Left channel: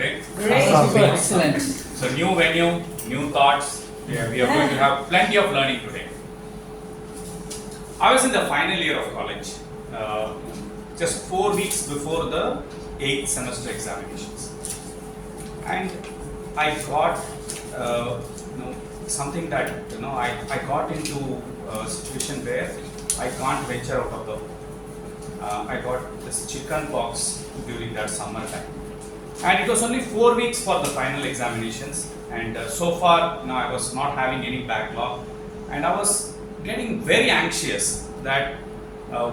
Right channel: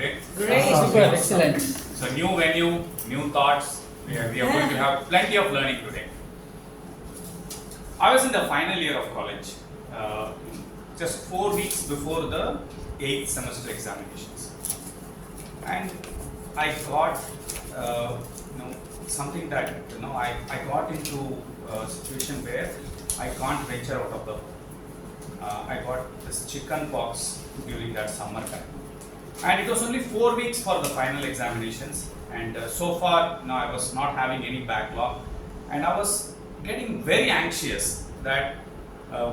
today? Great. Super. Excellent. So new venue, new thoughts. We are going to have plenty of learning today. I was in the final year of college, just 4 weeks before the 8th semester examinations, and I got something that I got into a situation where I can't venture out of the home. I got this chicken pox during that summer time, and it was only 4 weeks for the final examinations, and so far I was not having any backlog, and I was getting very anxious that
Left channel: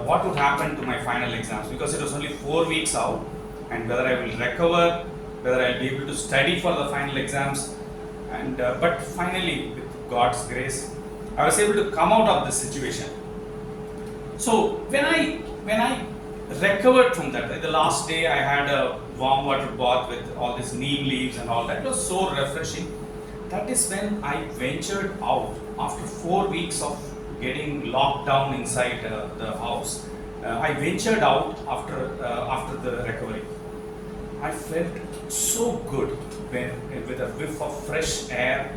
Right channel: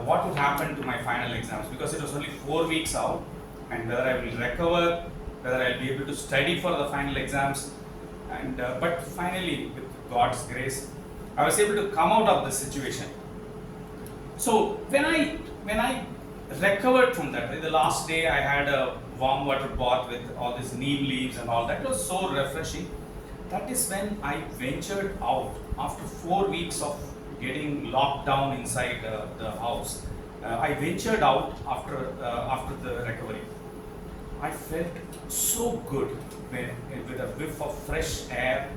what would happen to my final exams, because it was only 4 weeks out, and whether I will recover, whether I'll be able to study for the final exams, and but finally, with God's grace, I was able to come out of this situation. So when I recovered from that, the last day I had a warm water bath with all these neem leaves and all that. It was so refreshing. That is when I ventured out after 4 weeks of getting locked down inside the house. I ventured out after the recovery. I felt so good with a whiff of fresh air.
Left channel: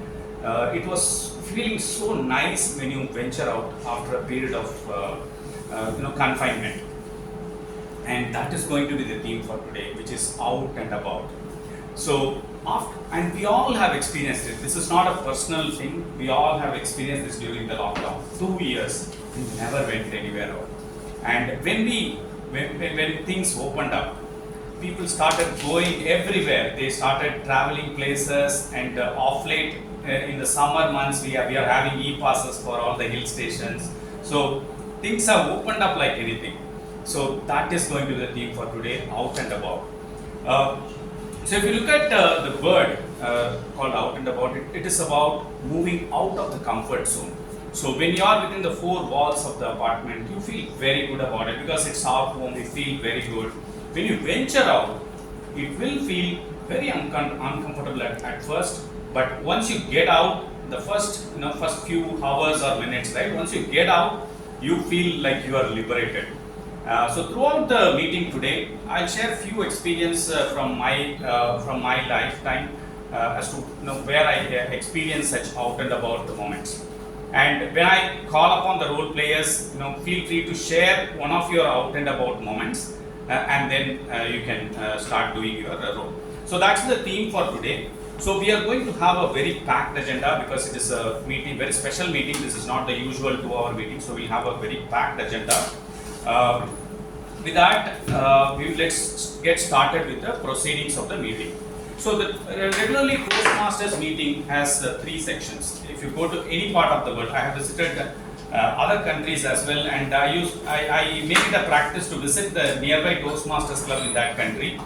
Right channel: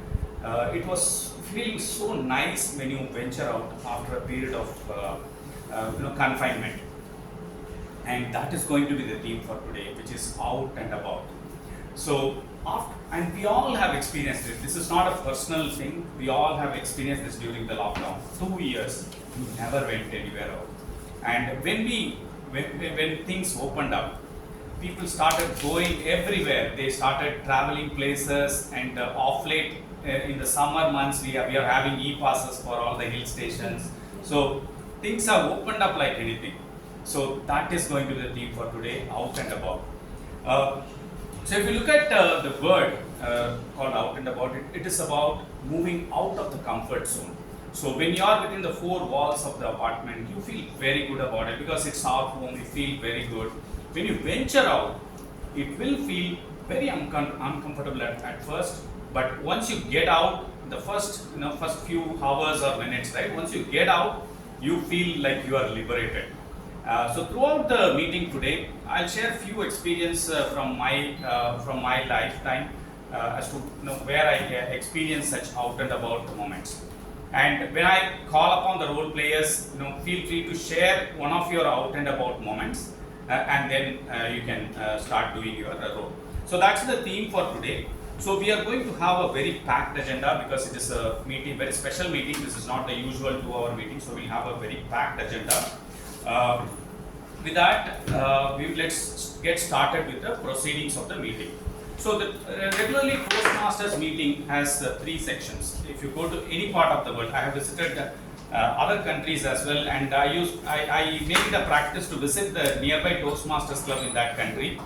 It was feeling so nice when you venture out after a period of confinement. And that is going to be the theme for today, which is out and about. So, and we all have experienced it. This is not a personal thing. We all have experienced this during the lockdown. 2 years, we never went anywhere out. And when things opened up, people started going everywhere. They started traveling places, and off late in the summer months, we are having e-passes for all the hill stations. So things have opened up like anything. So that is going to be the theme for today, out and about. So if you look at the word called out and about, it is about moving out of the comfort zone. So when you are within the 4 walls of the apartment, you feel very good about it because it's our home, we feel very good. When you venture out, it will feel very uncomfortable at first, but once you get out, the first few hours or minutes, right? Once you get out, you feel like you are liberated. So throughout the meeting today, I'll share a few experiences from my lifetime as to where I experience such out and about the moments. And when I call upon the role players, feel free to share one of your out and about moments, and then you can start doing your role. So that's the theme for today. So we are going to have a very packed agenda because it is a meeting, very special meeting. This is not the usual 2-hour meeting, so we'll have a very packed agenda. With that, let's get started with the proceedings of the meeting. So the regularly Toastmasters meeting has 3 sections. If you go to any part of the world, I have visited other countries as well, and I make it a practice to visit the nearby Toastmasters club in that country.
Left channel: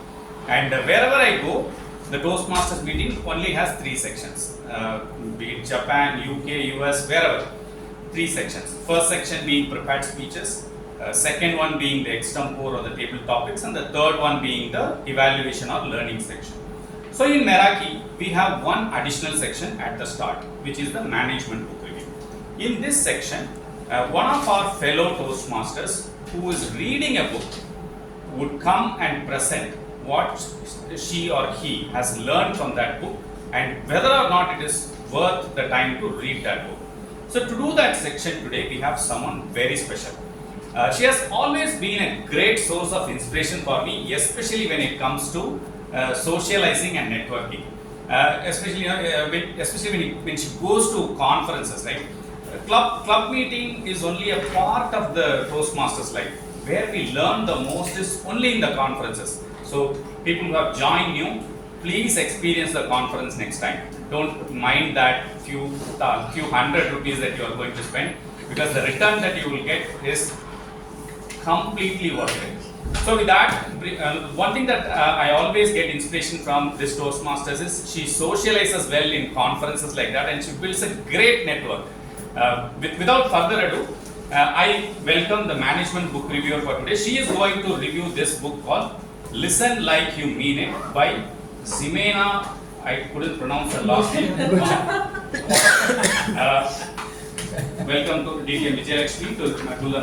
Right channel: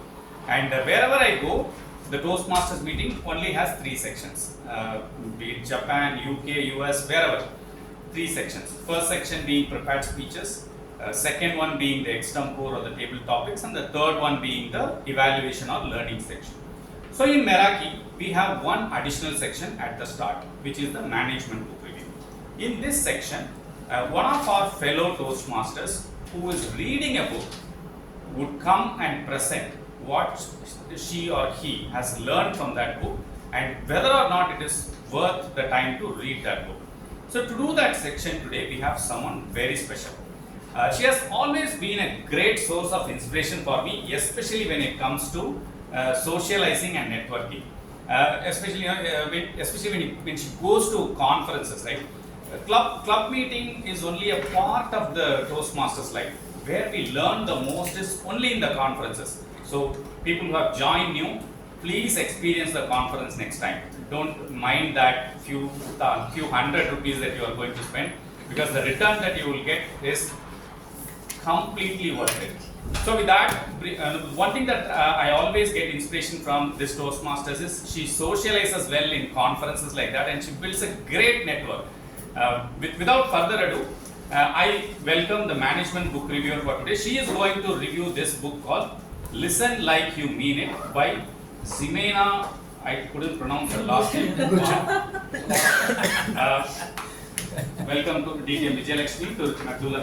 And wherever I go, the Toastmasters meeting only has 3 sections. Be it Japan, UK, US, wherever. 3 sections. First section being prepared speeches. Second one being the extempore or the table topics, and the third one being the evaluation or learning section. So in Meraki, we have one additional section at the start, which is the management book review. In this section, one of our fellow Toastmasters who is reading a book would come and present what she or he has learned from that book and whether or not it is worth the time to read that book. So to do that section today, we have someone very special. She has always been a great source of inspiration for me, especially when it comes to socializing and networking. Especially when she goes to conferences, right? Club meeting is only a part of the Toastmasters life. Where we learn the most is only in the conferences. So people who have joined new, please experience the conference next time. Don't mind that few hundred rupees that you are going to spend, because the return that you will get is completely worth it. So with that, one thing that I always get inspiration from this Toastmasters is she socializes well in conferences like that, and she builds a great network. Without further ado, I welcome the management book reviewer for today. She is going to review this book called Listen Like You Mean It by Ximena. I couldn't pronounce her last name. Welcome to DTM Vijayalakshmi to do the